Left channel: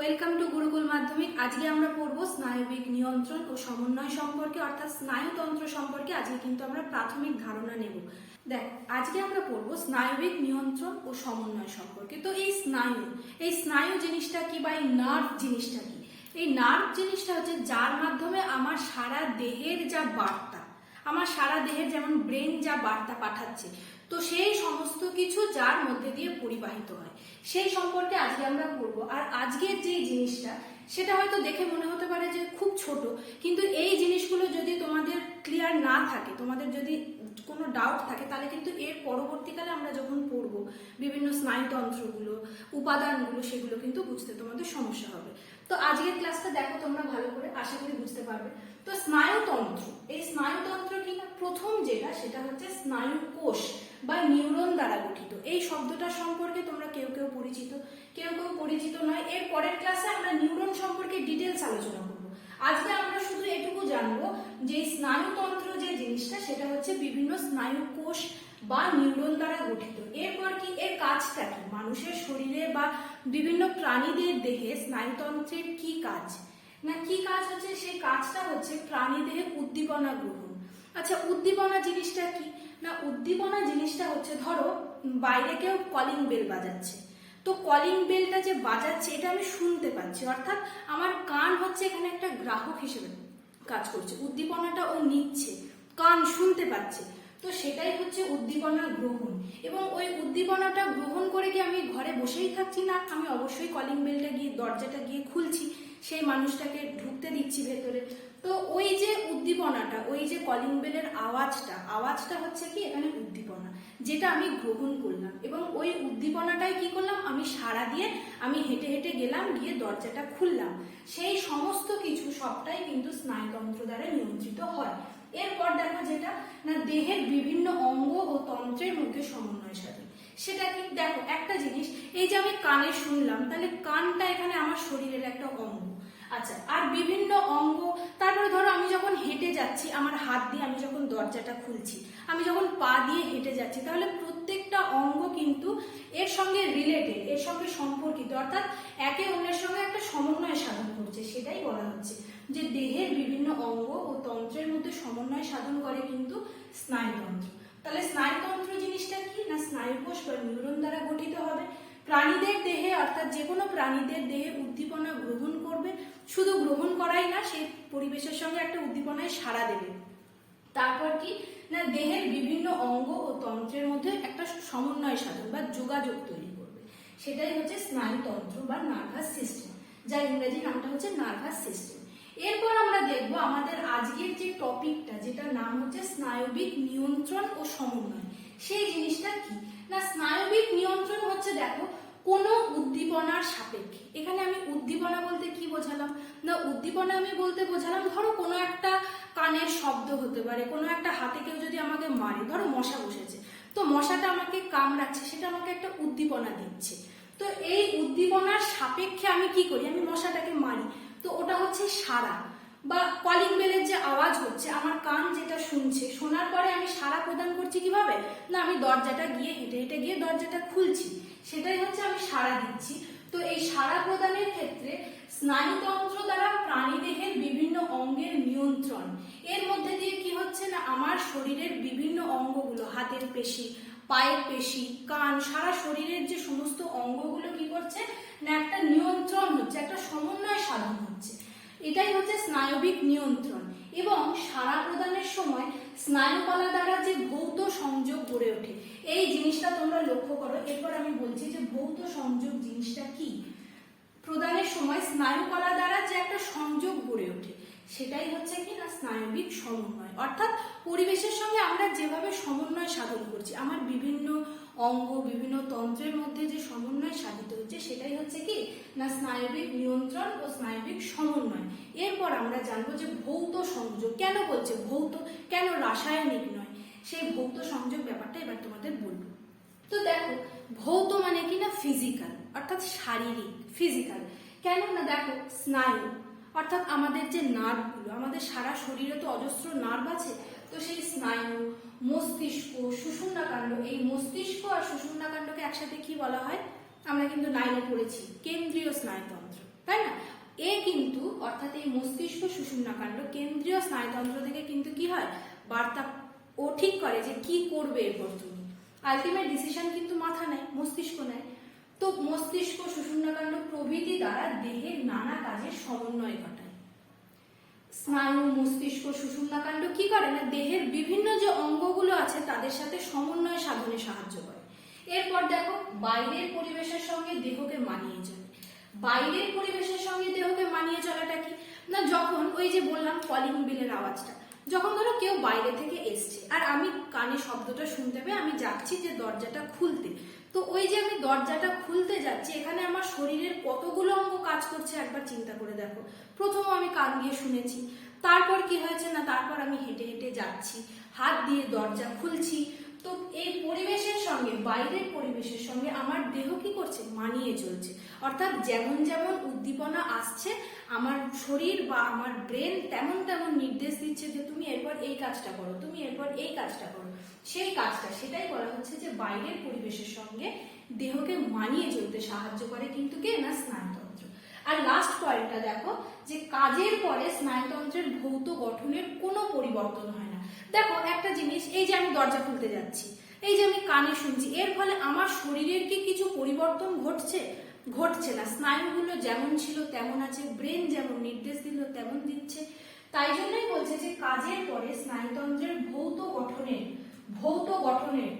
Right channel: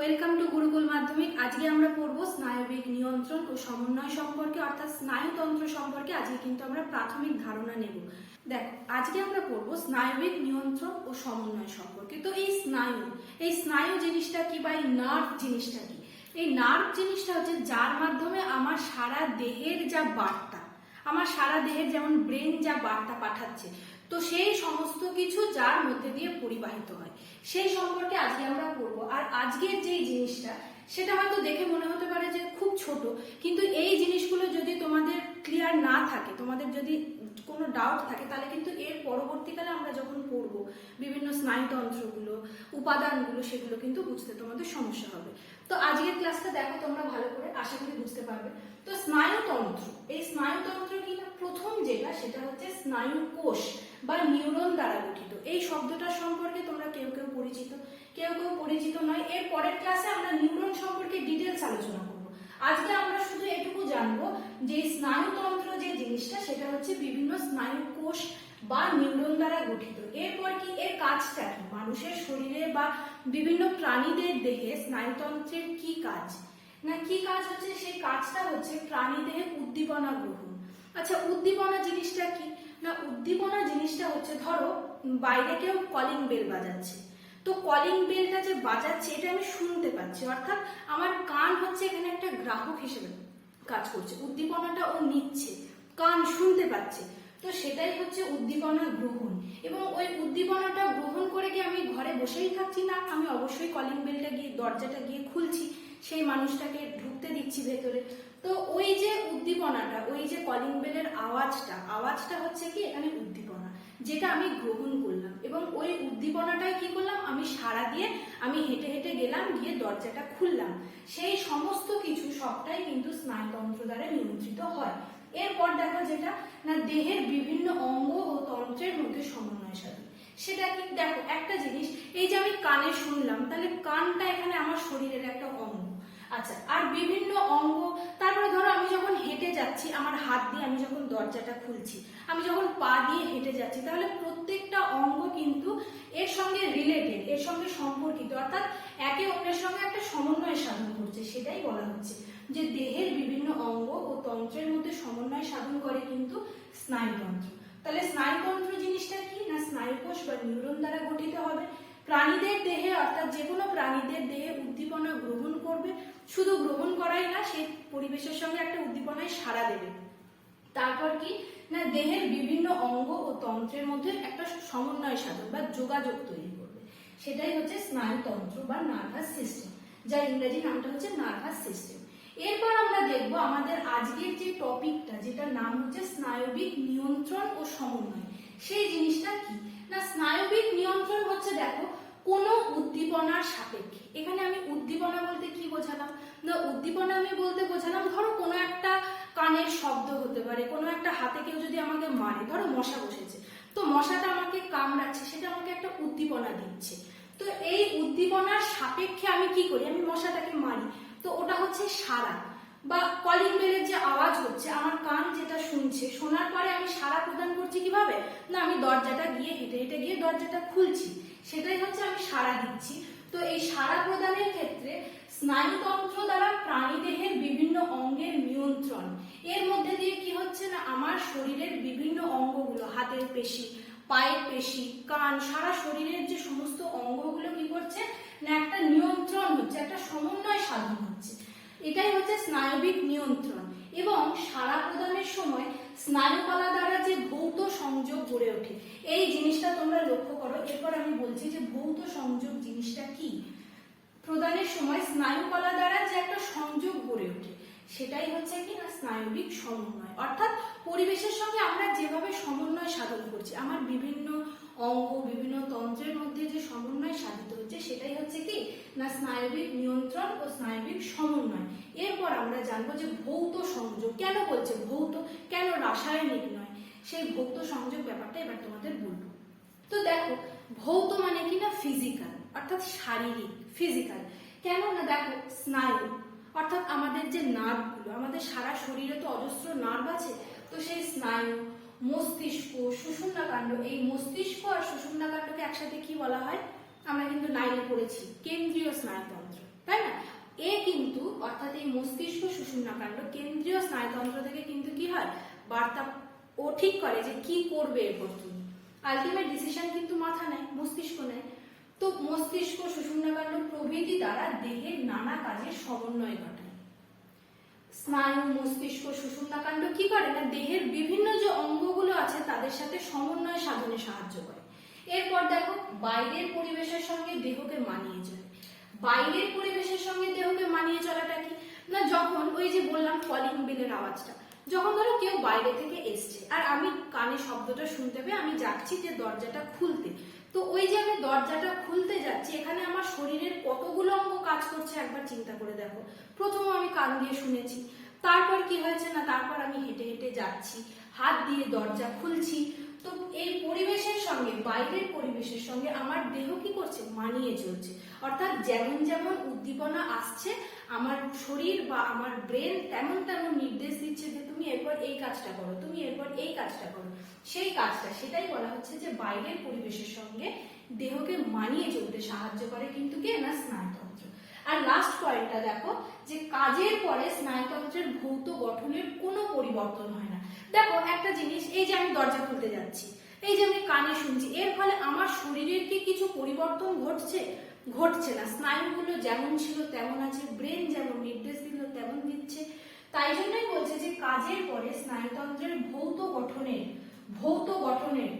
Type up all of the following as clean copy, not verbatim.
Welcome to Gurukul মাধ্যমিক। আজকে আমরা পড়বো স্নায়বিক নিয়ন্ত্রণ ও সমন্বয় সম্পর্কে, অর্থাৎ স্নায়ুতন্ত্র সম্পর্কে। আজকে কিন্তু আমরা প্রাথমিক ধারণা নেব। দেখো, আজকে আমরা পড়বো স্নায়বিক নিয়ন্ত্রণ ও সমন্বয় সম্পর্কে। তো এই স্নায়ু জিনিসটা কি বা এই নার্ভ জিনিসটা কি? এই নার্ভ জিনিসটা হচ্ছে যার মাধ্যমে আমার সারা দেহের যা বার্তা, আমার সারা দেহের যেমন ব্রেন যা বার্তা পাঠাচ্ছে, তো সেই সমস্ত কিছু যার মধ্যে দিয়ে পরিবাহিত হয় সেই সম্পর্কে আজকে আমরা পড়বো। আর আজকের যে জিনিসটা সেটা হয়তো দেখে মনে হতে পারে যে খুব ছোট, কিন্তু এই জিনিসগুলো যদি তোমাদের ক্লিয়ার না থাকে, তোমাদের যদি কোনো ডাউট থাকে, তাহলে কিন্তু এর পরবর্তীকালে আমরা যখন পড়বো বিভিন্ন স্নায়ুতন্ত্রগুলো, উপাদানগুলো, সেগুলো কিন্তু বুঝতে তোমাদের সমস্যা হবে। তো আজকের ক্লাসটা দেখো তোমরা ভালো করে, আশা করি বুঝতে পারবে। তো স্নায়ুতন্ত্র, এই স্নায়ুতন্ত্র কি না, প্রথম যেটা সেটা হচ্ছে স্নায়ু কোষ বা নিউরন দ্বারা গঠিত। এই শব্দটা সম্পর্কে তোমরা কেউ কেউ পরিচিত, কেউ কেউ পরিচিত নয়। এর পরের ক্লাসে আমরা নিউরন সম্পর্কে ডিটেলস আলোচনা করব। আজকে আমরা শুধু এটুকু জানবো যে স্নায়ুতন্ত্র যে জিনিসটা সেটা হচ্ছে বিভিন্ন স্নায়ু কোষ বা নিউরন দ্বারা গঠিত। এরপর কি, এর কাজটা কি, মানুষের শরীরে বা বিভিন্ন প্রাণীদের দেহে স্নায়ুতন্ত্রের কি কাজ না, কি কাজ হচ্ছে, সেই কাজটা হচ্ছে প্রাণীদেহে উদ্দীপনা গ্রহণ। আচ্ছা, উদ্দীপনা জিনিসটা কি না, উদ্দীপনা জিনিসটা হচ্ছে, ধরো বাইরে কেউ কলিং বেল বাজাচ্ছে, তো কলিং বেলটা যে বাজাচ্ছে এটা আমি শুনতে পাচ্ছি, অর্থাৎ আমার কান হচ্ছে এখানে একটা গ্রাহক হিসেবে কাজ করছে। উদ্দীপনাটা ও নিচ্ছে, কান শুনতে পাচ্ছে, তো সেটাই হচ্ছে উদ্দীপনা গ্রহণ। এবং ওই উদ্দীপনাটা গ্রহণ করে কি আমি ঘরে বসেই থাকছি না, আমি অবশ্যই কলিং বেলটা গিয়ে, দরজাটা গিয়ে খুলছি, সেই মানুষটাকে ঢুকতে দিচ্ছি ভেতরে। তো ওই যে উদ্দীপনাটা, ওই যে কলিং বেলের আওয়াজটা হচ্ছে কি এখানে উদ্দীপনা, যেটা আমি গ্রহণ করলাম। এবং ওই উদ্দীপনাটাই কি করলাম, আমি সাড়া দিয়ে আমি হেঁটে হেঁটে গেলাম, গিয়ে দরজাটা খুললাম। সেই সমস্ত কিছু সবটাই কিন্তু স্নায়ুতন্ত্র দ্বারা নিয়ন্ত্রিত হয়। এরপর দেখো যেটা না, দেহের বিভিন্ন অঙ্গ ও তন্ত্রের মধ্যে সমন্বয় সাধন। সেটা কি, দেখো একটা জিনিস, এই যে আমি কানে শুনলাম, তাহলে কানটা এখানে আমার শরীরের একটা অঙ্গ। আচ্ছা, আর বিভিন্ন অঙ্গ, তারপরে ধরো আমি যখন হেঁটে যাচ্ছি, আমার হাত দিয়ে আমি যখন দরজাটা খুলছি, আমি যখন পা দিয়ে হেঁটে যাচ্ছি, তাহলে প্রত্যেকটা অঙ্গ কিন্তু এর সঙ্গে রিলেটেড, এর সঙ্গে সম্পর্কিত, অর্থাৎ একে অন্যের সঙ্গে একটা সমন্বয় সাধন করছে। সেটাই বলা হচ্ছে যে দেহের বিভিন্ন অঙ্গ ও তন্ত্রের মধ্যে সমন্বয় সাধন করে কিন্তু স্নায়ুতন্ত্র। তাহলে স্নায়ুতন্ত্র জিনিসটা কি না, স্নায়ুকোষ বা নিউরন দ্বারা গঠিত হবে। প্রাণীদের দেহে, অর্থাৎ যে কোনো প্রাণীদের দেহে উদ্দীপনা গ্রহণ করবে, শুধু গ্রহণ করাই না, সেই পরিবেশের সঙ্গে একটা উদ্দীপনায় সাড়া দেবে। তারপর কি না, দেহের বিভিন্ন অঙ্গ ও তন্ত্রের মধ্যে একটা সমন্বয় সাধন বা যোগাযোগ তৈরি করবে। সেটাই হচ্ছে স্নায়ুতন্ত্র বা নার্ভাস সিস্টেম, যার ইংরেজি নামটা হচ্ছে নার্ভাস সিস্টেম। এরপর আমরা দেখবো আমাদের আজকের যে টপিকটা, যেটার নাম হচ্ছে স্নায়বিক নিয়ন্ত্রণ ও সমন্বয়। সেই জিনিসটা কি না, স্নায়বিক নিয়ন্ত্রণ হচ্ছে, দেখো, কোনো উদ্দীপনার সাপেক্ষে। এখানে আমি উদ্দীপনা বলতে কি বোঝালাম না, উদ্দীপনা আমি বলতে বোঝালাম, ধরো কোনো একটা কানের শব্দ হতে পারে, কোনো একটা হাতে কেউ যদি আমাকে মারে, ধরো মশা বসেছে, তো মশাটা আমাকে কামড়াচ্ছে, সেটা আমাকে একটা উদ্দীপনা দিচ্ছে। তো এই উদ্দীপনার সাপেক্ষে আমি কি করি, আমি মশাটাকে মারি, তো ওটা হচ্ছে সাড়া। বা কলিং বেলের যে আওয়াজ হচ্ছে, আমার কান যেটা শুনছে, শোনার পরে আমি সাড়া প্রদান করছি কিভাবে না, আমি দরজাটা গিয়ে হেঁটে হেঁটে গিয়ে দরজাটা খুলছি, সেটাই হচ্ছে আমি সাড়া দিচ্ছি। তো এই সাড়া প্রদানের ক্ষেত্রে স্নায়ুতন্ত্র দ্বারা প্রাণীদেহের বিভিন্ন অঙ্গের নিয়ন্ত্রণ। এর মধ্যে দিয়ে কি হচ্ছে না, আমার শরীরের বিভিন্ন অঙ্গগুলো, হাতের পেশি, পায়ের পেশি, কান, সারা শরীরের যে সমস্ত অঙ্গগুলো কি করছে না, একটা নিয়ন্ত্রণ হচ্ছে, একটা সমন্বয় সাধন হচ্ছে। এটাই হচ্ছে স্নায়বিক নিয়ন্ত্রণ। এবং সাড়া প্রদানের সময় স্নায়ুকলা দ্বারা যে ভৌত সংযোগ গড়ে ওঠে, এই জিনিসটা তোমরা লক্ষ্য করো। এরপর আমি বলছি যে ভৌত সংযোগ জিনিসটা কি। প্রদানের সময় স্নায়ুকলা দ্বারা যে একটা সংযোগ গড়ে ওঠে, সেটাই হচ্ছে কি না স্নায়বিক সমন্বয়। অর্থাৎ পরিবেশের সঙ্গে আমরা যেভাবে সমন্বয় সাধন করছি, আমার বিভিন্ন অঙ্গ, বিভিন্ন তন্ত্রের মধ্যে যে সমন্বয় সাধিত হচ্ছে, সেটাই হচ্ছে কি না স্নায়বিক নিয়ন্ত্রণ ও স্নায়বিক সমন্বয়। এরপর আমরা জানবো যে ভৌত সংযোগ কেন বলছে, ভৌত কেন, রাসায়নিক নয়, সেই ভৌত সংযোগ ব্যাপারটা এবার তোমাদের বলবো। তো দেখো, ভৌত মানে কি না ফিজিক্যাল, অর্থাৎ শারীরিক, ফিজিক্যাল। কেন না, দেখো স্নায়ু অর্থাৎ আমাদের যে নার্ভগুলো, আমাদের সারা শরীরে তো অজস্র নার্ভ আছে, তো সেই স্নায়ু, মস্তিষ্ক, সুষুম্নাকাণ্ড, এই মস্তিষ্ক আর সুষুম্নাকাণ্ডকে একসাথে কি বলা হয়, আমরা কিন্তু 9-এ পড়েছি, কেন্দ্রীয় স্নায়ুতন্ত্র, তাই না? এ কিন্তু অর্থাৎ এই মস্তিষ্ক সুষুম্নাকাণ্ড কেন্দ্রীয় স্নায়ুতন্ত্র থেকে কিন্তু কি হয়, বার্তা ও ঠিক করে যে কি করবে এরপর তুমি। আলটিমেট ডিসিশন কিন্তু মাথা নেয়, মস্তিষ্ক নেয়। তো মস্তিষ্ক সুষুম্নাকাণ্ড প্রভৃতি দ্বারা দেহের নানা কাজের সমন্বয় ঘটায়। স্নায়ু, মস্তিষ্ক, সুষুম্নাকাণ্ড কি করে না, দেহের বিভিন্ন যে অঙ্গগুলো আছে তাদের সাথে সমন্বয় সাধনে সাহায্য করে। এরপর দেখো, বাইরের পরিবেশের সঙ্গে দেহকে মানিয়ে চলে। বাইরের পরিবেশের সঙ্গে দেহকে মানিয়ে চলাটা কি না, যখন ওই যে বললাম কলিং বেলের আওয়াজটা, যখন ধরো কেউ বাইরে থেকে এসছে আর আমি কানে শব্দটা শুনতে পেয়ে আমি যাচ্ছি যে দরজাটা খুলতে, তো ওই যে আমি দরজাটা খুলতে যাচ্ছি, এখানে আমার শরীরের কতগুলো অঙ্গ কাজ করছে একবার চিন্তা করে দেখো। প্রথম আমি কান দিয়ে শুনেছি, তারপর কি হয়েছে না, তারপর আমি হেঁটে হেঁটে যাচ্ছি, হাত দিয়ে দরজা খুলছি। তো এই পরিবেশের সঙ্গে, বাইরের পরিবেশের সঙ্গে আমার দেহ কি করছে, মানিয়ে চলছে। অর্থাৎ যেমন যেমন উদ্দীপনা আসছে আমার শরীর বা আমার ব্রেন তেমন তেমন নির্দেশ দিচ্ছে যে তুমি এরপর এই কাজটা করো, তুমি এরপর এই কাজটা করো। সেই কাজটা, সেটাই বলা হচ্ছে যে বাইরের পরিবেশের সঙ্গে দেহকে মানিয়ে চলতে সাহায্য করে কিন্তু কে না, স্নায়ুতন্ত্র। আর লাস্ট পয়েন্টটা দেখো, যে কাজের পরে স্নায়ুতন্ত্রের ভৌত গঠনের কোনো পরিবর্তন হয় না। দেখো একটা জিনিস, এই যে আমি দরজা খুলতে যাচ্ছি, এই যে আমি কানে শুনছি, এর ফলে আমার শরীরের কি কিছু পরিবর্তন ঘটছে? ঘটছে না। স্নায়ুগুলো যেমন ছিল তেমন আছে, ব্রেন যেমন নির্দেশ দিল তেমন দিচ্ছে। তাই জন্যই বলছে যে কাজের পরে স্নায়ুতন্ত্রের ভৌত গঠনের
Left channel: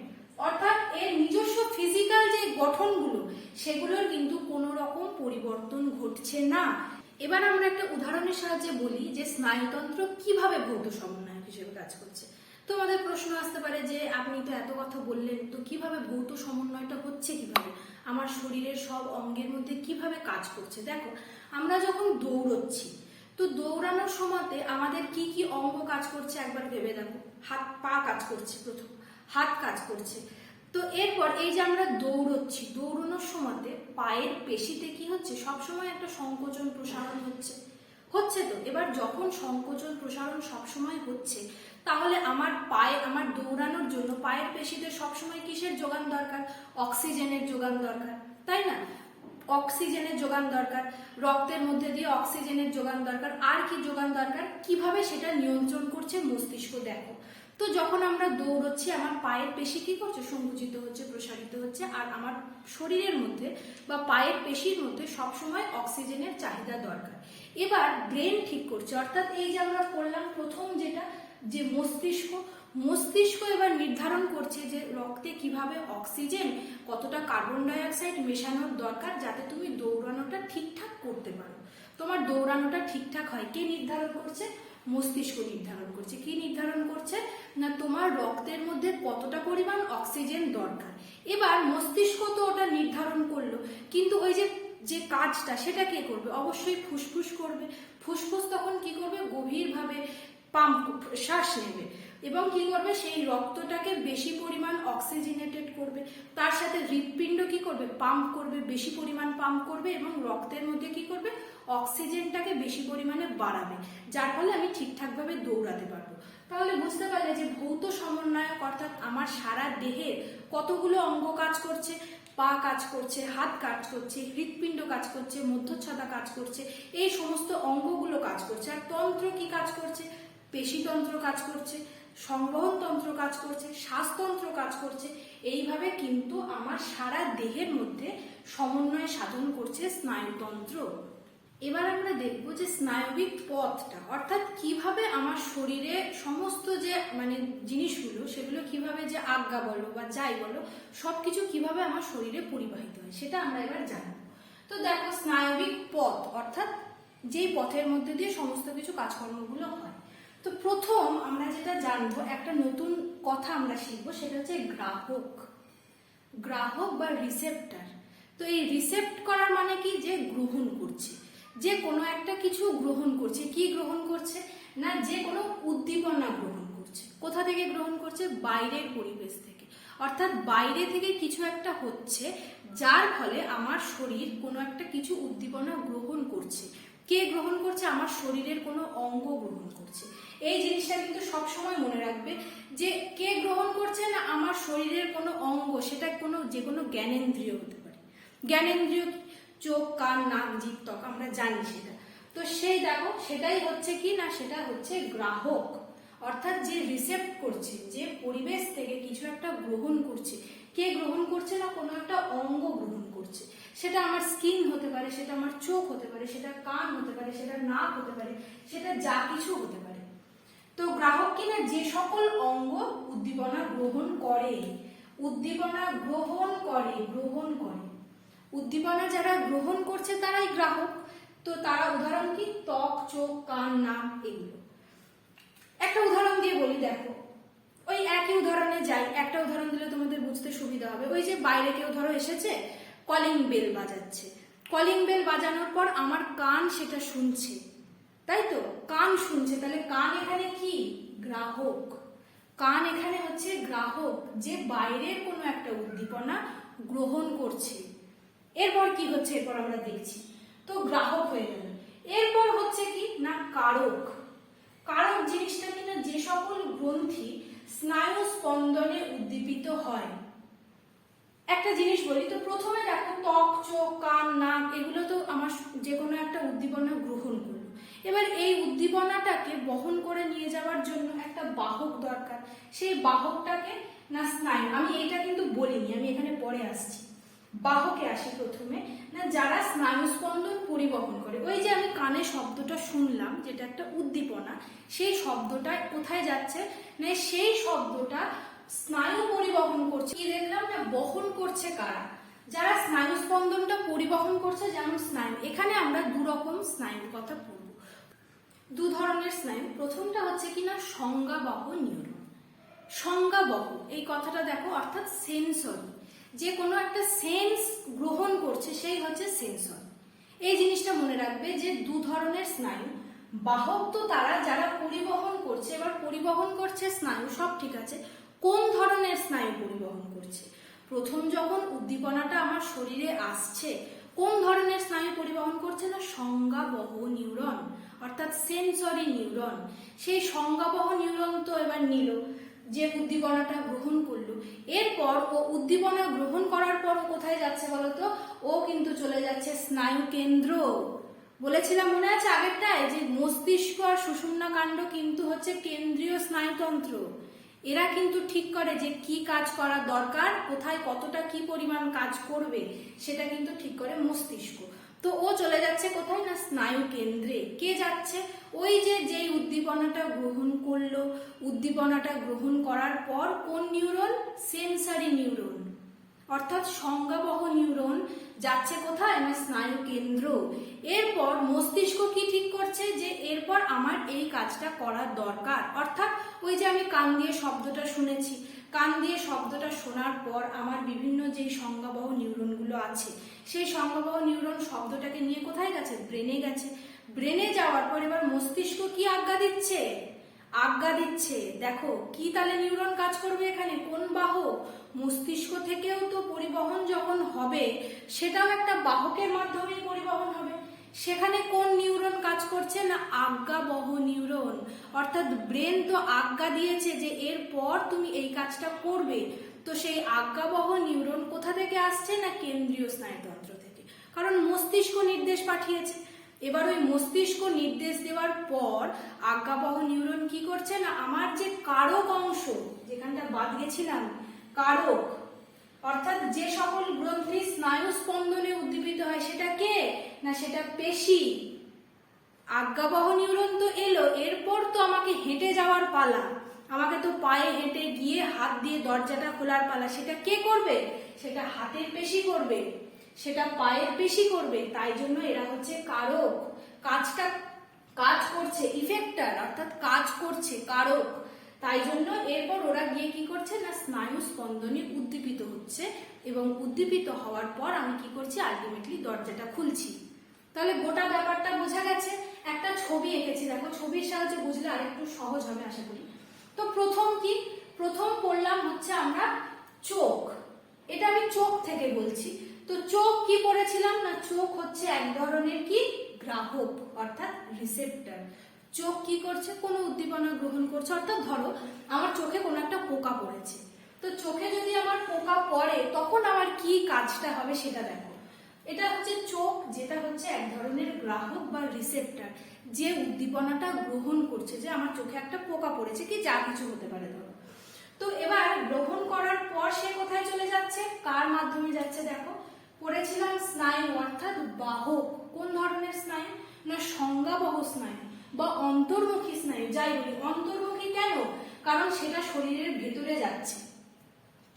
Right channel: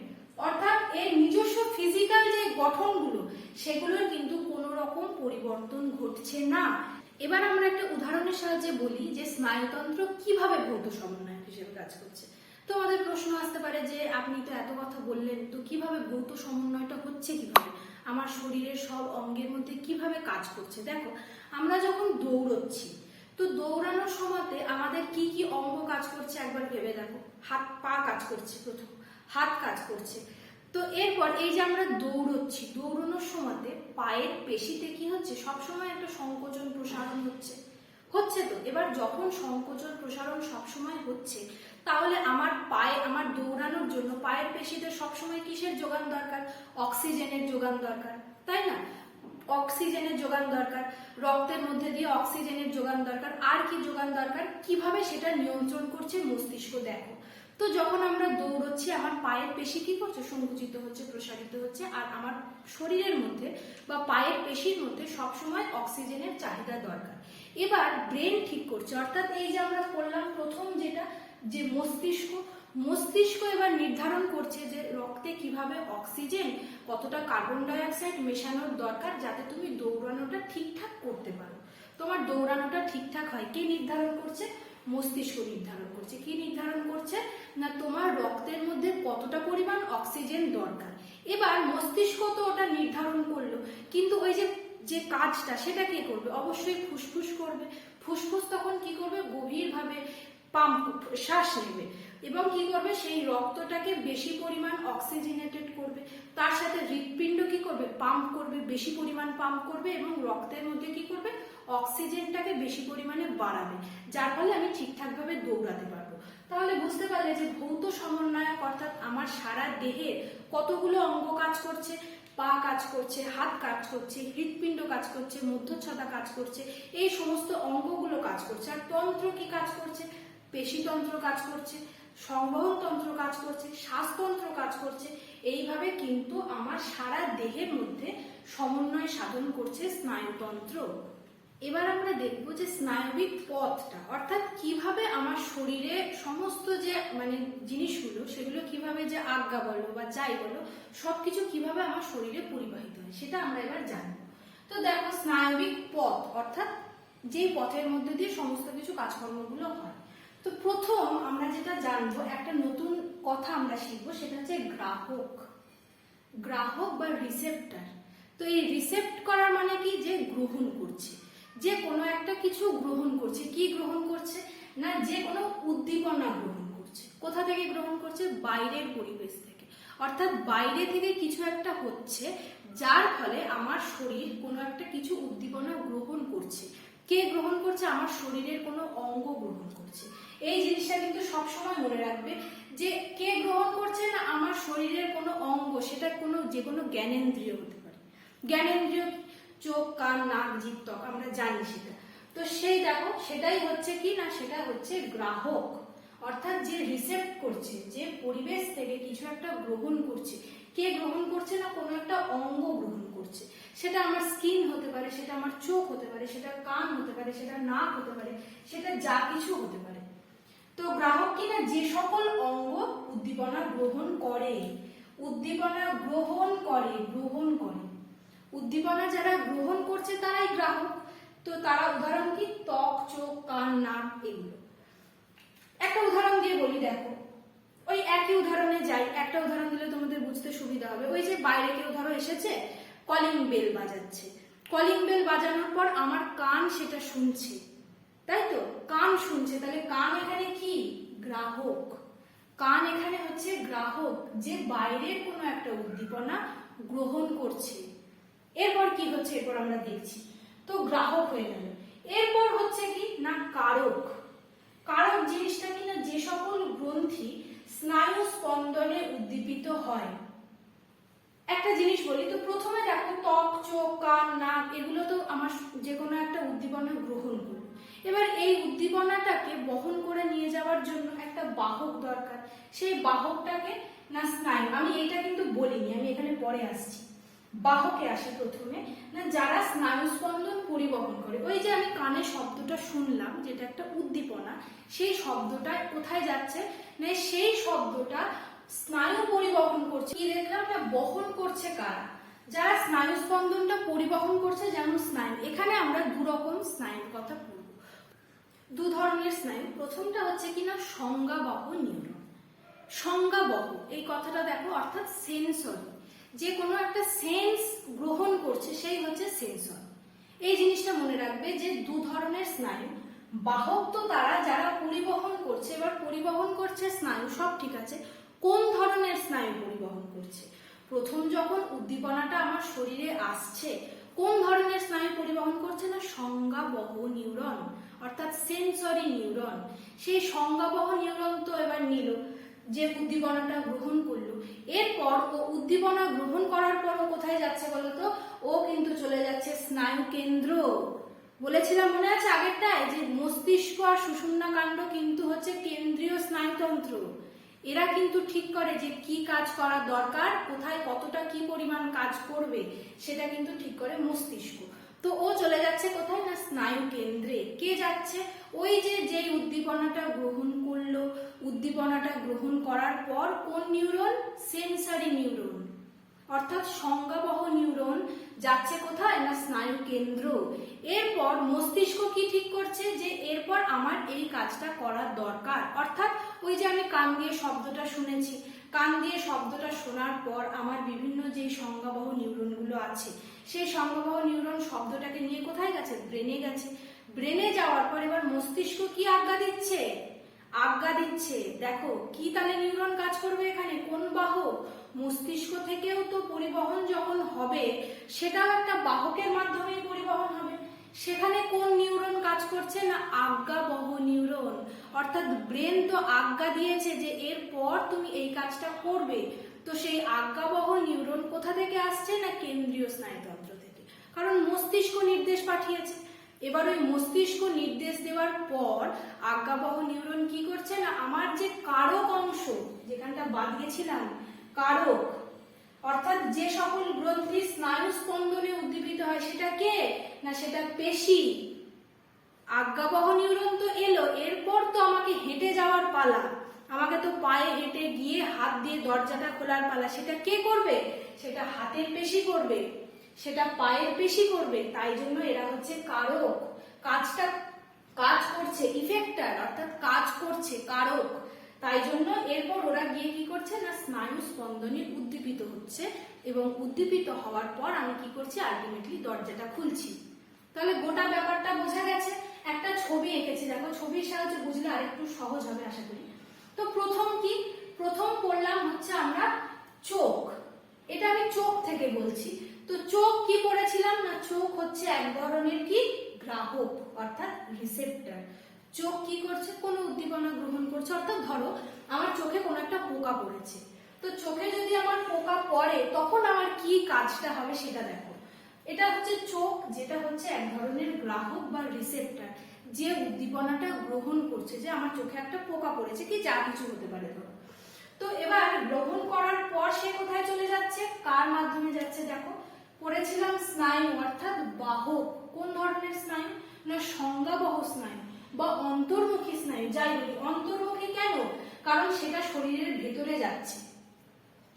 অর্থাৎ এর নিজস্ব ফিজিক্যাল যে গঠনগুলো, সেগুলোর কিন্তু কোনো রকম পরিবর্তন ঘটছে না। এবার আমরা একটা উদাহরণের সাহায্যে বলি যে স্নায়ুতন্ত্র কিভাবে ভৌত সমন্বয় হিসেবে কাজ করছে। তোমাদের প্রশ্ন আসতে পারে যে আপনি তো এত কথা বললেন, তো কিভাবে ভৌত সমন্বয়টা হচ্ছে, কিভাবে আমার শরীরের সব অঙ্গের মধ্যে কিভাবে কাজ করছে। দেখো, আমরা যখন দৌড়চ্ছি, তো দৌড়ানোর সময়তে আমাদের কি কি অঙ্গ কাজ করছে একবার ভেবে দেখো। হাত পা কাজ করছে, প্রথম হাত কাজ করছে। তো এরপর এই যে আমরা দৌড়চ্ছি, দৌড়ানোর সময়তে পায়ের পেশিতে কি হচ্ছে, সবসময় একটা সংকোচন প্রসারণ হচ্ছে। তো এবার যখন সংকোচন প্রসারণ সবসময় হচ্ছে, তাহলে আমার পায়ে, আমার দৌড়ানোর জন্য পায়ের পেশিতে সবসময় কিসের যোগান দরকার, অক্সিজেনের যোগান দরকার, তাই না? অক্সিজেনের যোগান দরকার, রক্তের মধ্যে দিয়ে অক্সিজেনের যোগান দরকার। আর কি যোগান দরকার, কিভাবে সেটা নিয়ন্ত্রণ করছে মস্তিষ্ক। দেখো, তো যখন আমরা দৌড়চ্ছি আমার পায়ের পেশি কি করছে, সংকুচিত হচ্ছে, প্রসারিত হচ্ছে, আর আমার শরীরের মধ্যে বা পায়ের পেশির মধ্যে সবসময় অক্সিজেনের চাহিদা দরকার। এবার ব্রেন ঠিক করছে, অর্থাৎ এই যে আমরা পড়লাম প্রথম যেটা, যে মস্তিষ্ক এবার নির্ধারণ করছে যে রক্তে কিভাবে অক্সিজেন, কতটা কার্বন ডাই অক্সাইড মেশানোর দরকার যাতে তুমি দৌড়ানোটা ঠিকঠাক করতে পারো, তোমার দৌড়ানোটা ঠিকঠাক হয়। কে নির্ধারণ করছে, মস্তিষ্ক নির্ধারণ করছে। কি নির্ধারণ করছে না, তোমার রক্তের মধ্যে কতটা পরিমাণ অক্সিজেন দরকার। এবার মস্তিষ্ক তো ওটা নির্ধারণ করলো, কিন্তু ওই যে কাজটা সেটা কে করবে, অবশ্যই ফুসফুস করবে। ফুসফুস তখন কি করবে, গভীরভাবে পাম্প, শ্বাস নেবে এবং কি করবে, সেই রক্তটাকে বেশি পরিমাণ অক্সিজেনেটেড করবে। তার সাথে হৃৎপিণ্ড কি করবে, পাম্প করবে, বেশি পরিমাণ পাম্প করবে এবং রক্তের মধ্যে কি করবে, অক্সিজেনটাকে বেশি পরিমাণে বাড়াবে, যার ফলে আমি ঠিকঠাকভাবে দৌড়াতে পারবো। তাহলে বুঝতে পারলে যে ভৌত সমন্বয়ক অর্থাৎ আমার সারা দেহে কতগুলো অঙ্গ কাজ করছে, পা কাজ করছে, হাত কাজ করছে, হৃৎপিণ্ড কাজ করছে, মধ্যচ্ছদা কাজ করছে, এই সমস্ত অঙ্গগুলো কাজ করছে। আর তন্ত্র কি কাজ করছে, পেশিতন্ত্র কাজ করছে, সংবহন তন্ত্র কাজ করছে, শ্বাসতন্ত্র কাজ করছে। এইভাবে কিন্তু আমার সারা দেহের মধ্যে সমন্বয় সাধন করছে স্নায়ুতন্ত্র। এবার আমরা দেখব যে স্নায়বিক পথটা, অর্থাৎ কিভাবে আমার শরীরে সমস্ত যে জিনিসগুলো, সেগুলো কিভাবে, যে আজ্ঞা বলো বা যাই বলো, সবকিছু কিভাবে আমার শরীরে পরিবাহিত হয় সেটা আমরা এবার জানবো। তো দেখো, স্নায়বিক পথ অর্থাৎ যেই পথের মধ্যে দিয়ে সমস্ত কিছু কাজকর্মগুলো হয়। তো প্রথম আমরা যেটা জানবো, একটা নতুন কথা আমরা শিখবো, সেটা হচ্ছে গ্রাহক বা রিসেপ্টর। তো এই রিসেপ্ট করার মানে কি, যে গ্রহণ করছে, যে কোনো একটা কিছু গ্রহণ করছে। কি গ্রহণ করছে না, যে কোনো উদ্দীপনা গ্রহণ করছে। কোথা থেকে গ্রহণ করছে, বাইরের পরিবেশ থেকে। অর্থাৎ বাইরে থেকে কিছু একটা হচ্ছে, যার ফলে আমার শরীর কোনো একটা কিছু উদ্দীপনা গ্রহণ করছে। কে গ্রহণ করছে, আমার শরীরের কোনো অঙ্গ গ্রহণ করছে। এই জিনিসটা কিন্তু সবসময় মনে রাখবে যে কে গ্রহণ করছে না, আমার শরীরের কোনো অঙ্গ, সেটা যে কোনো জ্ঞানেন্দ্রিয় হতে পারে। জ্ঞানেন্দ্রিয়, চোখ, কান, নাক, জিভ, ত্বক, আমরা জানি সেটা। তো সেই দেখো সেটাই হচ্ছে কি না, সেটা হচ্ছে গ্রাহক, অর্থাৎ যে রিসেপ্ট করছে, যে পরিবেশ থেকে কিছু একটা গ্রহণ করছে। কে গ্রহণ করছে না, কোনো একটা অঙ্গ গ্রহণ করছে। সেটা আমার স্কিন হতে পারে, সেটা আমার চোখ হতে পারে, সেটা কান হতে পারে, সেটা নাক হতে পারে, সেটা যা কিছু হতে পারে। তো গ্রাহক কিনা যে সকল অঙ্গ উদ্দীপনা গ্রহণ করে, উদ্দীপনা গ্রহণ করে, উদ্দীপনা যারা গ্রহণ করছে তারাই গ্রাহক। তো তারা উদাহরণ কি, ত্বক, চোখ, কান, নাক, এগুলো। একটা উদাহরণ দিয়ে বলি, দেখো ওই একই উদাহরণে যাই, একটা উদাহরণ দিলে তোমাদের বুঝতে সুবিধা হবে। ওই যে বাইরে কেউ ধরো এসেছে, কলিং বেল বাজাচ্ছে, কলিং বেল বাজানোর পর আমার কান সেটা শুনছে, তাই তো, কান শুনছে, তাহলে কান এখানে কি, গ্রাহক। কান এখানে হচ্ছে গ্রাহক, যে বাইরের কোনো একটা উদ্দীপনা গ্রহণ করছে। এরপর কি হচ্ছে, এরপর আমরা দেখছি। তো গ্রাহক হয়ে গেল। এরপর হচ্ছে কি না, কারক। কারক জিনিসটা কিনা যে সকল গ্রন্থি স্নায়ু স্পন্দনে উদ্দীপিত হয়। একটা জিনিস বলি, তো প্রথমে দেখো ত্বক, চোখ, কান, নাক, এগুলো তো আমার যে কোনো একটা উদ্দীপনা গ্রহণ করবে। এবার এই উদ্দীপনাটাকে বহন করে নিয়ে যাওয়ার জন্য একটা বাহক দরকার। সেই বাহকটাকে না স্নায়ু, আমি এটা কিন্তু বলিনি, আমি এখানে পরে আসছি। বাহকে আসে প্রথমে, না যারা স্নায়ু স্পন্দন পরিবহন করে। ওই যে আমি কানে শব্দটা শুনলাম, যেটা একটা উদ্দীপনা, সেই শব্দটা কোথায় যাচ্ছে না, সেই শব্দটা স্নায়ু পরিবহন করছে। কি দেখলাম না, বহন করছে কারা, যারা স্নায়ু স্পন্দনটা পরিবহন করছে, যেমন স্নায়ু। এখানে আমরা দু রকম স্নায়ুর কথা বলব, দু ধরনের স্নায়ু। প্রথমটা হচ্ছে কিনা সংজ্ঞাবহ নিউরন। সংজ্ঞাবহ এই কথাটা দেখো, অর্থাৎ সেন্সরি, যে কোনো একটা সেন্স গ্রহণ করছে সেই হচ্ছে সেন্সর। এই জিনিসটা মনে রাখবে যে দু ধরনের স্নায়ু। বাহক তো তারা যারা পরিবহন করছে, এবার পরিবহন করছে স্নায়ু, সব ঠিক আছে, কোন ধরনের স্নায়ু পরিবহন করছে। প্রথম যখন উদ্দীপনাটা আমার শরীরে আসছে, কোন ধরনের স্নায়ু পরিবহন করছে না, সংজ্ঞাবহ নিউরন, অর্থাৎ সেন্সরি নিউরন। সেই সংজ্ঞাবহ নিউরন তো এবার নিল, যে উদ্দীপনাটা গ্রহণ করলো, এরপর ও উদ্দীপনা গ্রহণ করার পর ও কোথায় যাচ্ছে বলতো, ও কিন্তু চলে যাচ্ছে স্নায়ু কেন্দ্র। বলেছিলাম মনে আছে আগেরটায়, যে মস্তিষ্ক আর সুষুম্না কাণ্ড কিন্তু হচ্ছে কেন্দ্রীয় স্নায়ুতন্ত্র। এরা কিন্তু ঠিক করে যে কি কাজ করা দরকার, কোথায় কতটা কি পরিমাণ কাজ করবে, সেটা কিন্তু ঠিক করে মস্তিষ্ক। তো ও চলে যাচ্ছে কোথায় না, স্নায়ু কেন্দ্রে। কে যাচ্ছে, ওই যে যেই উদ্দীপনাটা গ্রহণ করলো, উদ্দীপনাটা গ্রহণ করার পর কোন নিউরন, সেন্সরি নিউরন, অর্থাৎ সংজ্ঞাবহ নিউরন যাচ্ছে কোথায় না, স্নায়ু কেন্দ্র। এরপর মস্তিষ্ক কি ঠিক করছে, যে এরপর আমার এই কাজটা করার দরকার। অর্থাৎ ওই যে আমি কান দিয়ে শব্দটা শুনেছি, কান দিয়ে শব্দটা শোনার পর আমার বিভিন্ন যে সংজ্ঞাবহ নিউরনগুলো আছে, সেই সংজ্ঞাবহ নিউরন শব্দটাকে নিয়ে কোথায় গেছে, ব্রেনে গেছে। ব্রেনে যাওয়ার পর এবার মস্তিষ্ক কি আজ্ঞা দিচ্ছে, দেখো কি তাহলে নিউরন কাজ করবে এখানে, কোন বাহক, মস্তিষ্ক থেকেও তো পরিবহন যখন হবে, সেটাও একটা বাহকের মাধ্যমে পরিবহন হবে। সেখানে কোন নিউরন কাজ করছে না, আজ্ঞাবহ নিউরন। অর্থাৎ ব্রেন তো আজ্ঞা দিয়েছে যে এরপর তুমি এই কাজটা করবে। তো সেই আজ্ঞাবহ নিউরন কোথা থেকে আসছে না, কেন্দ্রীয় স্নায়ুতন্ত্র থেকে, কারণ মস্তিষ্ক নির্দেশ পাঠিয়েছে। এবার ওই মস্তিষ্ক নির্দেশ দেওয়ার পর আজ্ঞাবহ নিউরন কি করছে না, আমার যে কারক অংশ, যেখানটা বাদ গেছিলাম, কারক, অর্থাৎ যে সকল গ্রন্থি স্নায়ু স্পন্দনে উদ্দীপিত হয়, সেটা কে না, সেটা পেশি। আজ্ঞাবহ নিউরন তো এলো, এরপর তো আমাকে হেঁটে যাওয়ার পালা, আমাকে তো পায়ে হেঁটে গিয়ে হাত দিয়ে দরজাটা খোলার পালা। সেটা কে করবে, সেটা হাতের পেশি করবে, সেটা পায়ের পেশি করবে। তাই জন্য এরা হচ্ছে কারক, কাজ করছে, ইফেক্টার, অর্থাৎ কাজ করছে কারক। তাই জন্য এরপর ওরা গিয়ে কি করছে না, স্নায়ু স্পন্দনে উদ্দীপিত হচ্ছে, এবং উদ্দীপিত হওয়ার পর আমি কি করছি, আলটিমেটলি দরজাটা খুলছি। তাহলে গোটা ব্যাপারটা বোঝা গেছে। একটা ছবি এঁকেছি, দেখো ছবির সাহায্যে বুঝলে আরেকটু সহজ হবে আশা করি। তো প্রথম পড়লাম হচ্ছে আমরা চোখ, এটা আমি চোখ থেকে বলছি। তো চোখ কি পড়েছিলাম না, চোখ হচ্ছে এক ধরনের কি, গ্রাহক, অর্থাৎ রিসেপ্টর। চোখ কি করছে, কোনো উদ্দীপনা গ্রহণ করছে। অর্থাৎ ধরো আমার চোখে কোনো একটা পোকা পড়েছে, তো চোখে যদি আমার পোকা পড়ে তখন আমার কি কাজটা হবে সেটা দেখো। এটা হচ্ছে চোখ, যেটা হচ্ছে এক ধরনের গ্রাহক বা রিসেপ্টর, যে উদ্দীপনাটা গ্রহণ করছে, যে আমার চোখে একটা পোকা পড়েছে কি যা কিছু হতে পারে ধরো। তো এবার গ্রহণ করার পর সে কোথায় চলে যাচ্ছে, কার মাধ্যমে যাচ্ছে দেখো, পড়েছিলাম স্নায়ু অর্থাৎ বাহক। কোন ধরনের স্নায়ু না সংজ্ঞাবহ স্নায়ু বা অন্তর্মুখী স্নায়ু। যাই বলি অন্তর্মুখী কেন, কারণ সেটা শরীরের ভেতরে যাচ্ছে।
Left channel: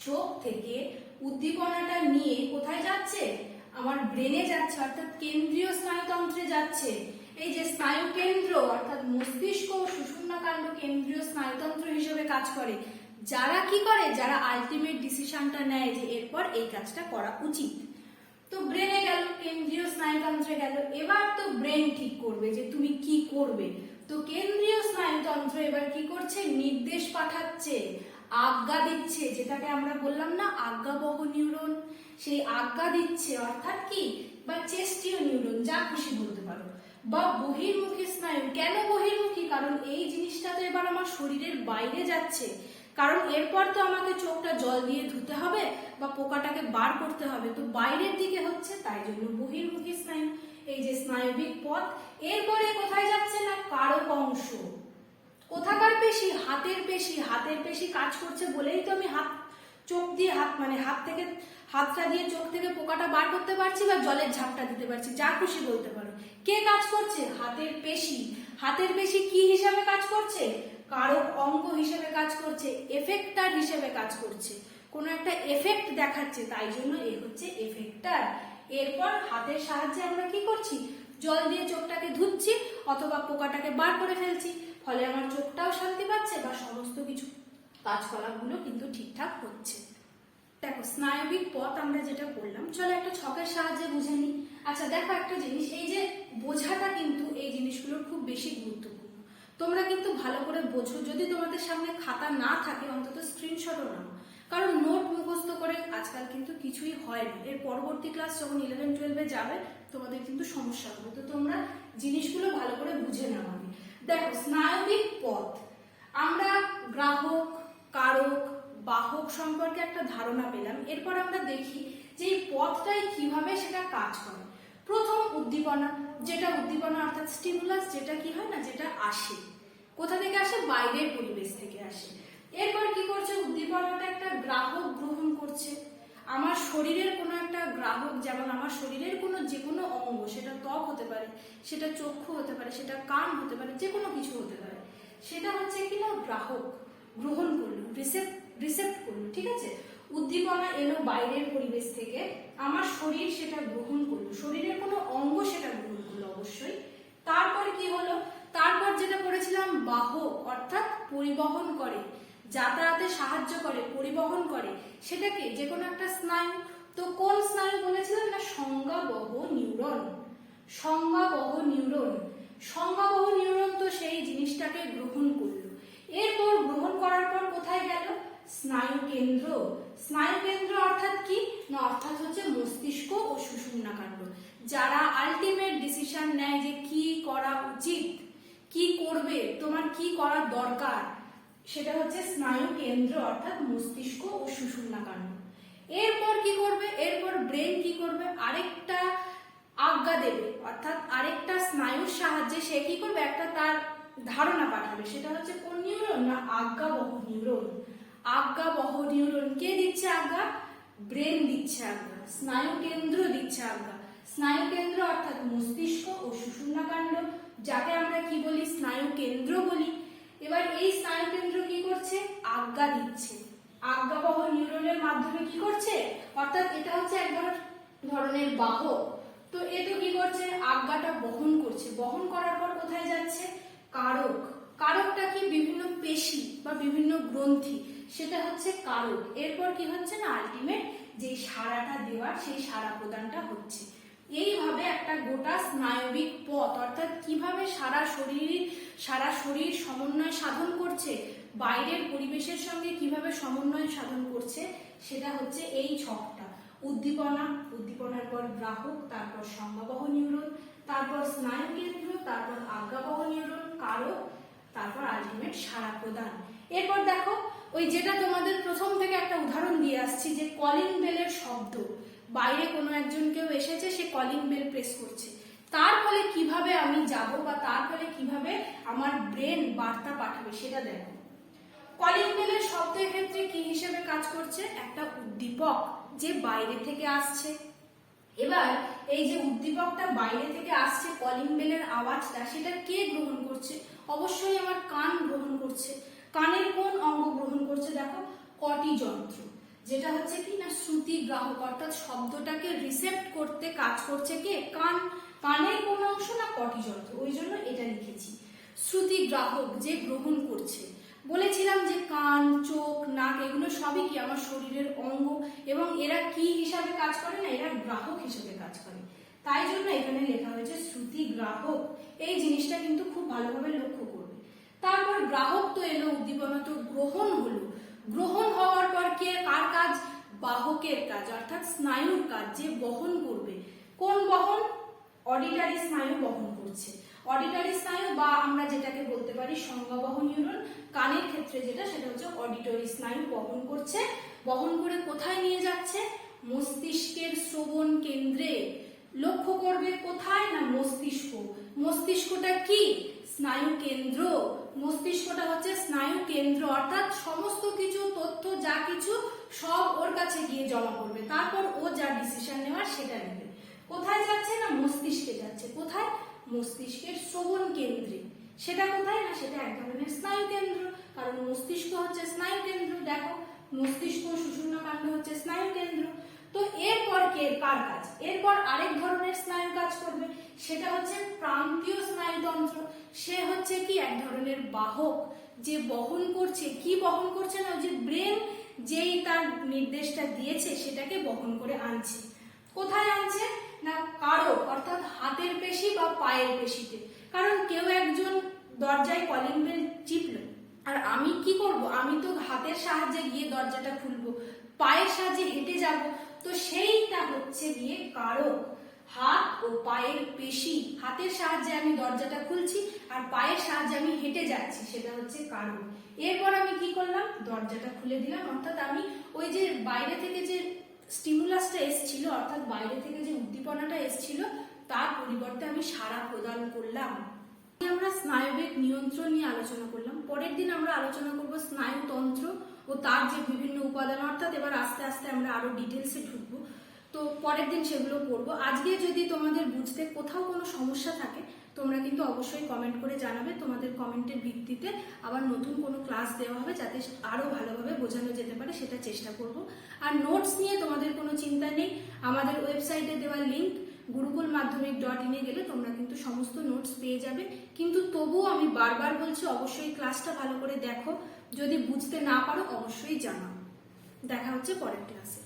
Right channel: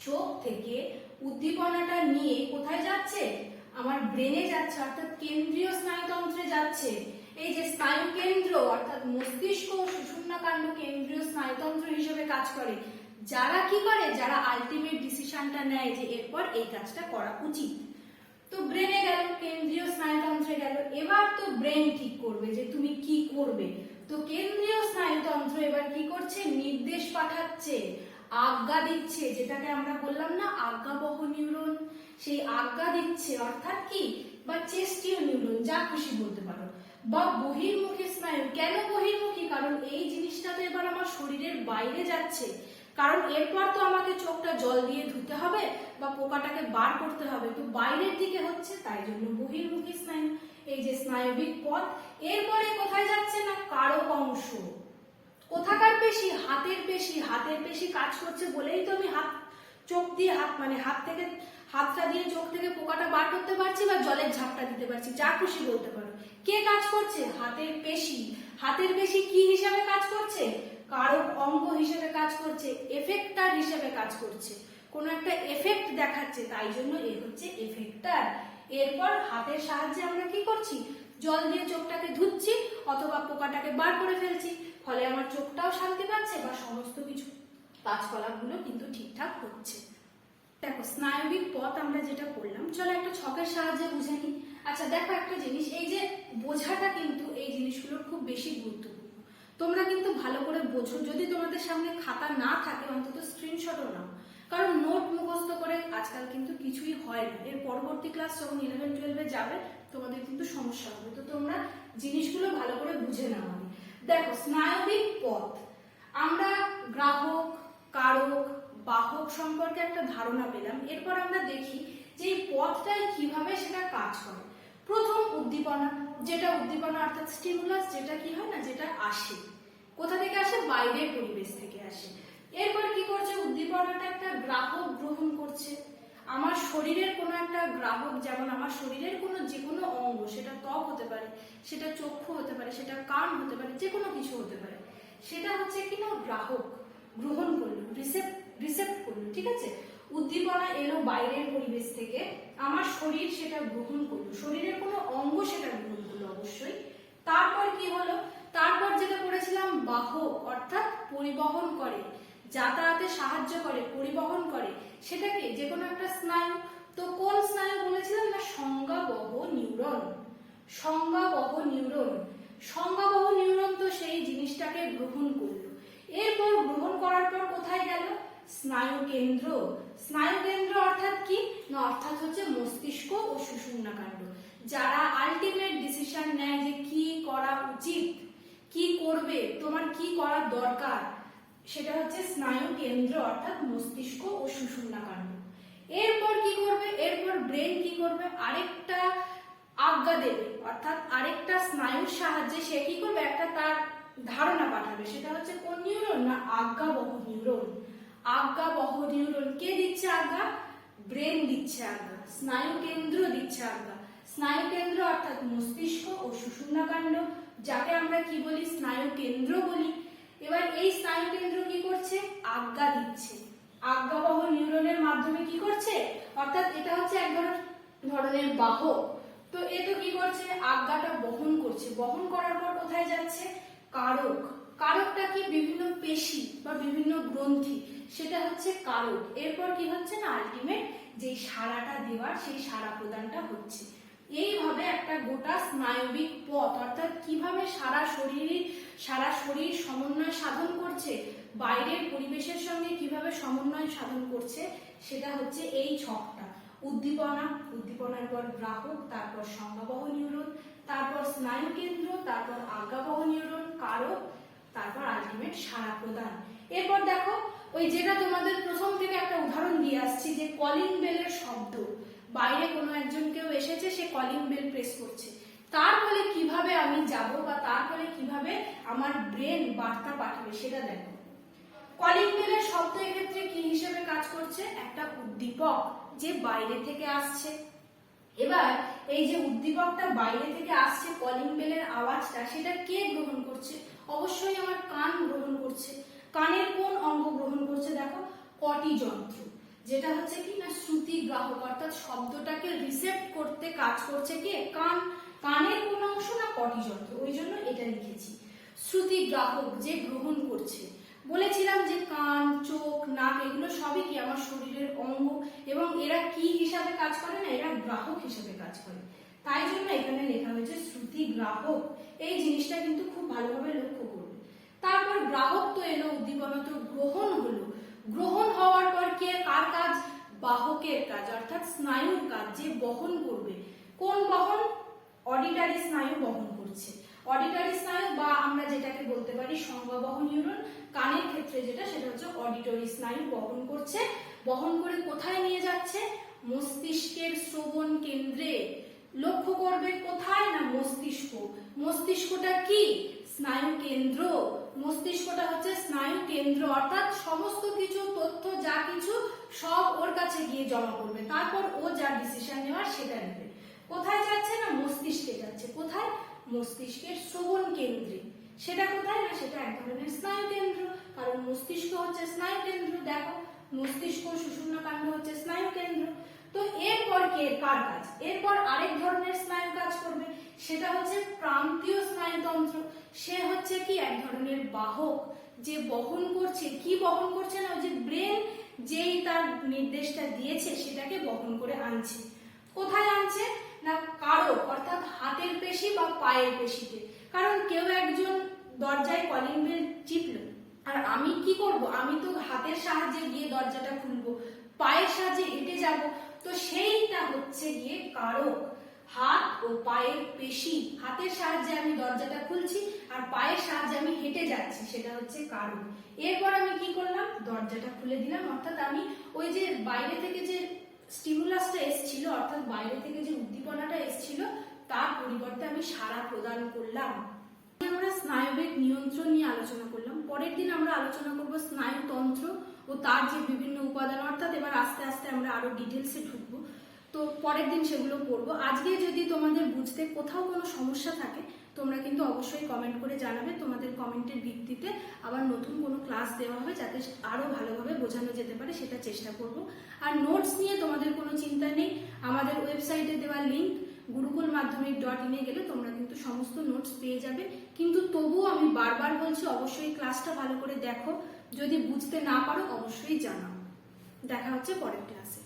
চোখ থেকে উদ্দীপনাটা নিয়ে কোথায় যাচ্ছে, আমার ব্রেনে যাচ্ছে অর্থাৎ কেন্দ্রীয় স্নায়ুতন্ত্রে যাচ্ছে। এই যে স্নায়ু কেন্দ্র অর্থাৎ মস্তিষ্ক ও সুষুম্নাকাণ্ড কেন্দ্রীয় স্নায়ুতন্ত্র হিসেবে কাজ করে, যারা কি করে, যারা আলটিমেট ডিসিশনটা নেয় যে এরপর এই কাজটা করা উচিত। তো ব্রেনে গেল, কেন্দ্রীয় স্নায়ুতন্ত্রে গেল, এবার তো ব্রেন ঠিক করবে যে তুমি কি করবে। তো কেন্দ্রীয় স্নায়ুতন্ত্র এবার কি করছে, নির্দেশ পাঠাচ্ছে, আজ্ঞা দিচ্ছে, যেটাকে আমরা বললাম না আজ্ঞাবহ নিউরন, সেই আজ্ঞা দিচ্ছে অর্থাৎ কি, বা চেস্টীয় নিউরন যা খুশি বলতে পারো, বা বহির্মুখী স্নায়ু। কেন বহির্মুখী, কারণ এই জিনিসটা তো এবার আমার শরীরের বাইরে যাচ্ছে, কারণ এরপর তো আমাকে চোখটা জল দিয়ে ধুতে হবে বা পোকাটাকে বার করতে হবে, তো বাইরের দিকে হচ্ছে, তাই জন্য বহির্মুখী স্নায়ু। এই যে স্নায়বিক পথ, এরপরে কোথায় যাচ্ছে না কারক অংশ। কোথাকার পেশি, হাতের পেশি। হাতের পেশি কাজ করছে বলেই তো আমি চোখ দিয়ে হাত থেকে হাতটা দিয়ে চোখ থেকে পোকাটা বার করতে পারছি বা জলের ঝাপটা দিতে পারছি, যা খুশি বলতে পারো। কে কাজ করছে, হাতের পেশি। হাতের পেশি কি হিসাবে কাজ করছে, কারক অঙ্গ হিসেবে কাজ করছে, এফেক্টার হিসেবে কাজ করছে, কোন একটা এফেক্ট দেখাচ্ছে, তাই জন্য এ হচ্ছে এফেক্টার। এরপর হাতের সাহায্যে আমরা কি করছি, জল দিয়ে চোখটাকে ধুচ্ছি অথবা পোকাটাকে বার করে ফেলছি, ফলে আমার চোখটাও শান্তি পাচ্ছে বা সমস্ত কিছু কাজকলাপগুলো কিন্তু ঠিকঠাক হচ্ছে। দেখো স্নায়বিক পথ আমরা যেটা করলাম, চলো একটা ছকের সাহায্যে বুঝে নিই। আচ্ছা দেখো একটা জিনিস, এই যে বোঝাটা কিন্তু এই জিনিসগুলোর খুব বেশি গুরুত্বপূর্ণ। তোমরা কিন্তু ভালো করে বোঝো, যদি তোমাদের সামনে খাতা না থাকে অন্তত স্ক্রিনশটও নাও, কারণ নোট মুখস্থ করে আজকাল কিন্তু কিছুই হয় না। এর পরবর্তী ক্লাস যখন 11-12 যাবে তোমাদের কিন্তু সমস্যা হবে, তো তোমরা জিনিসগুলো ভালো করে বুঝে নাও। দেখো স্নায়বিক পথ, আমরা গ্রাহক, কারক, বাহক সম্পর্কে একটা ধারণা পেলাম। এরপর আমরা দেখি যে এই পথটাই কিভাবে সেটা কাজ করে। প্রথম উদ্দীপনা, যেটা উদ্দীপনা অর্থাৎ স্টিমুলাস, যেটা কি হয় না, যেটা আসে কোথা থেকে আসে, বাইরের পরিবেশ থেকে আসে। এরপর কি করছে, উদ্দীপনাটা একটা গ্রাহক গ্রহণ করছে। আমার শরীরের কোনো একটা গ্রাহক, যেমন আমার শরীরের কোনো যে কোনো অঙ্গ, সেটা ত্বক হতে পারে, সেটা চক্ষু হতে পারে, সেটা কান হতে পারে, যে কোনো কিছু হতে পারে, সেটা হচ্ছে কি না গ্রাহক গ্রহণ করলো, রিসেপ্ট করলো, ঠিক আছে। উদ্দীপনা এলো বাইরের পরিবেশ থেকে, আমার শরীর সেটা গ্রহণ করলো, শরীরের কোনো অঙ্গ সেটা গ্রহণ করলো অবশ্যই। তারপর কি হলো, তারপর যেটা করেছিলাম বাহক অর্থাৎ পরিবহন করে, যাতায়াতে সাহায্য করে, পরিবহন করে, সেটাকে যে কোনো একটা স্নায়ু। তো কোন স্নায়ু বলেছিলাম না সংজ্ঞাবহ নিউরন। সংজ্ঞাবহ নিউরন, সংজ্ঞাবহ নিউরন তো সেই জিনিসটাকে গ্রহণ করলো। এরপর গ্রহণ করার পর কোথায় গেল, স্নায়ু কেন্দ্র। স্নায়ু কেন্দ্র অর্থাৎ কি না, অর্থাৎ হচ্ছে মস্তিষ্ক ও সুষুম্নাকাণ্ড, যারা আলটিমেট ডিসিশন নেয় যে কি করা উচিত, কি করবে, তোমার কি করা দরকার, সেটা হচ্ছে স্নায়ু কেন্দ্র অর্থাৎ মস্তিষ্ক ও সুষুম্নাকাণ্ড। এরপর কি করবে, এরপর ব্রেন কি করবে, আরেকটা আজ্ঞা দেবে, অর্থাৎ আরেকটা স্নায়ুর সাহায্যে সে কি করবে, একটা তার ধারণা পাঠাবে, সেটা হচ্ছে কোন নিউরন না আজ্ঞাবহ নিউরন। আজ্ঞাবহ নিউরন কে দিচ্ছে আজ্ঞা, ব্রেন দিচ্ছে আজ্ঞা, স্নায়ু কেন্দ্র দিচ্ছে আজ্ঞা। স্নায়ু কেন্দ্র অর্থাৎ মস্তিষ্ক ও সুষুম্নাকাণ্ড, যাকে আমরা কি বলি, স্নায়ু কেন্দ্র বলি। এবার এই স্নায়ু কেন্দ্র কি করছে, আজ্ঞা দিচ্ছে, আজ্ঞাবহ নিউরনের মাধ্যমে কি করছে, অর্থাৎ এটা হচ্ছে এক ধরনের বাহক। তো এটা কি করছে, আজ্ঞাটা বহন করছে, বহন করার পর কোথায় যাচ্ছে, কারক। কারকটা কি, বিভিন্ন পেশি বা বিভিন্ন গ্রন্থি, সেটা হচ্ছে কারক। এরপর কি হচ্ছে না, আলটিমেট যে সাড়াটা দেওয়ার, সেই সাড়া প্রদানটা হচ্ছে। এইভাবে একটা গোটা স্নায়বিক পথ, অর্থাৎ কিভাবে সারা শরীর সমন্বয় সাধন করছে, বাইরের পরিবেশের সঙ্গে কিভাবে সমন্বয় সাধন করছে, সেটা হচ্ছে এই ছকটা। উদ্দীপনা, উদ্দীপনার পর গ্রাহক, তারপর সংজ্ঞাবহ নিউরন, তারপর স্নায়ু কেন্দ্র, তারপর আজ্ঞাবহ নিউরন, কারক, তারপর আলটিমেট সাড়া প্রদান। এরপর দেখো ওই যেটা তোমাদের প্রথম থেকে একটা উদাহরণ দিয়ে আসছি, যে কলিং বেলের শব্দ বাইরে কোনো একজন কেউ এসেছে, সে কলিং বেল প্রেস করছে, তার ফলে কিভাবে আমি যাব বা তার ফলে কিভাবে আমার ব্রেন বার্তা পাঠাবে সেটা দেখো। কলিং বেলের শব্দের ক্ষেত্রে কি হিসেবে কাজ করছে? একটা উদ্দীপক যে বাইরে থেকে আসছে। এবার এই যে উদ্দীপকটা বাইরে থেকে আসছে, কলিং বেলের আওয়াজটা, সেটা কে গ্রহণ করছে? অবশ্যই আমার কান গ্রহণ করছে। কানের কোন অঙ্গ গ্রহণ করছে? দেখো, কটি যন্ত্র, যেটা হচ্ছে কি না শ্রুতি গ্রাহক, অর্থাৎ শব্দটাকে রিসেপ্ট করতে কাজ করছে কে? কান। কানের কোন অংশ? না কটি যন্ত্র, ওই জন্য এটা লিখেছি। শ্রুতি গ্রাহক যে গ্রহণ করছে, বলেছিলাম যে কান, চোখ, নাক এগুলো সবই কি আমার শরীরের অঙ্গ, এবং এরা কি হিসাবে কাজ করে? না এরা গ্রাহক হিসাবে কাজ করে, তাই জন্য এখানে লেখা হয়েছে শ্রুতি গ্রাহক। এই জিনিসটা কিন্তু খুব ভালোভাবে লক্ষ্য করবে। তারপর গ্রাহক তো এলো, উদ্দীপনা তো গ্রহণ হলো। গ্রহণ হওয়ার পর কে কার কাজ? বাহকের কাজ, অর্থাৎ স্নায়ুর কাজ, যে বহন করবে। কোন বহন? অডিটরি স্নায়ু বহন করছে। অডিটরি স্নায়ু বা আমরা যেটাকে বলতে পারি সংজ্ঞাবহন নিউরন, কানের ক্ষেত্রে যেটা, সেটা হচ্ছে অডিটরি স্নায়ু বহন করছে। বহন করে কোথায় নিয়ে যাচ্ছে? মস্তিষ্কের শ্রবণ কেন্দ্রে। লক্ষ্য করবে কোথায়? না মস্তিষ্ক। মস্তিষ্কটা কি? স্নায়ু কেন্দ্র। মস্তিষ্কটা হচ্ছে স্নায়ু কেন্দ্র, অর্থাৎ সমস্ত কিছু তথ্য যা কিছু সব ওর কাছে গিয়ে জমা করবে, তারপর ও যা ডিসিশন নেওয়ার সেটা নেবে। কোথায় যাচ্ছে? না মস্তিষ্কে যাচ্ছে। কোথায়? মস্তিষ্কের শ্রবণ কেন্দ্রে। সেটা কোথায়? না সেটা এক ধরনের স্নায়ু কেন্দ্র, কারণ মস্তিষ্ক হচ্ছে স্নায়ু কেন্দ্র। দেখো, মস্তিষ্ক সুষুম্না কাণ্ড হচ্ছে স্নায়ু কেন্দ্র। তো এরপর কার কাজ? এরপর আরেক ধরনের স্নায়ু কাজ করবে, সেটা হচ্ছে প্রান্তীয় স্নায়ুতন্ত্র। সে হচ্ছে কি এক ধরনের বাহক, যে বহন করছে। কি বহন করছে? না যে ব্রেন যেই তার নির্দেশটা দিয়েছে সেটাকে বহন করে আনছে। কোথায় আনছে? না কারক, অর্থাৎ হাতের পেশি বা পায়ের পেশিতে। কারণ কেউ একজন দরজায় কলিং বেল টিপল, আর আমি কি করব? আমি তো হাতের সাহায্যে গিয়ে দরজাটা খুলবো, পায়ের সাহায্যে হেঁটে যাব, তো সেইটা হচ্ছে গিয়ে কারক। হাত ও পায়ের পেশি, হাতের সাহায্যে আমি দরজাটা খুলছি আর পায়ের সাহায্যে আমি হেঁটে যাচ্ছি, সেটা হচ্ছে কারক। এরপর আমি কি করলাম? দরজাটা খুলে দিলাম, অর্থাৎ আমি ওই যে বাইরে থেকে যে স্টিমুলাসটা এসেছিল, অর্থাৎ বাইরে থেকে যে উদ্দীপনাটা এসেছিল, তার পরিবর্তে আমি সাড়া প্রদান করলাম। আমরা স্নায়ুবেগ নিয়ন্ত্রণ নিয়ে আলোচনা করলাম। পরের দিন আমরা আলোচনা করব স্নায়ুতন্ত্র ও তার যে বিভিন্ন উপাদান, অর্থাৎ এবার আস্তে আস্তে আমরা আরো ডিটেলসে ঢুকবো। তো পরের দিন সেগুলো করব। আজকে যদি তোমাদের বুঝতে কোথাও কোনো সমস্যা থাকে, তোমরা কিন্তু অবশ্যই কমেন্ট করে জানাবে। তোমাদের কমেন্টের ভিত্তিতে আবার নতুন কোনো ক্লাস দেওয়া হবে, যাতে আরো ভালোভাবে বোঝানো যেতে পারে, সেটা চেষ্টা করব। আর নোটস নিয়ে তোমাদের কোনো চিন্তা নেই, আমাদের ওয়েবসাইটে দেওয়া লিঙ্ক gurukulmadhyamik.in গেলে তোমরা কিন্তু সমস্ত নোটস পেয়ে যাবে। কিন্তু তবুও আমি বারবার বলছি, অবশ্যই ক্লাসটা ভালো করে দেখো। যদি বুঝতে না পারো অবশ্যই জানাও। দেখা হচ্ছে পরের ক্লাসে।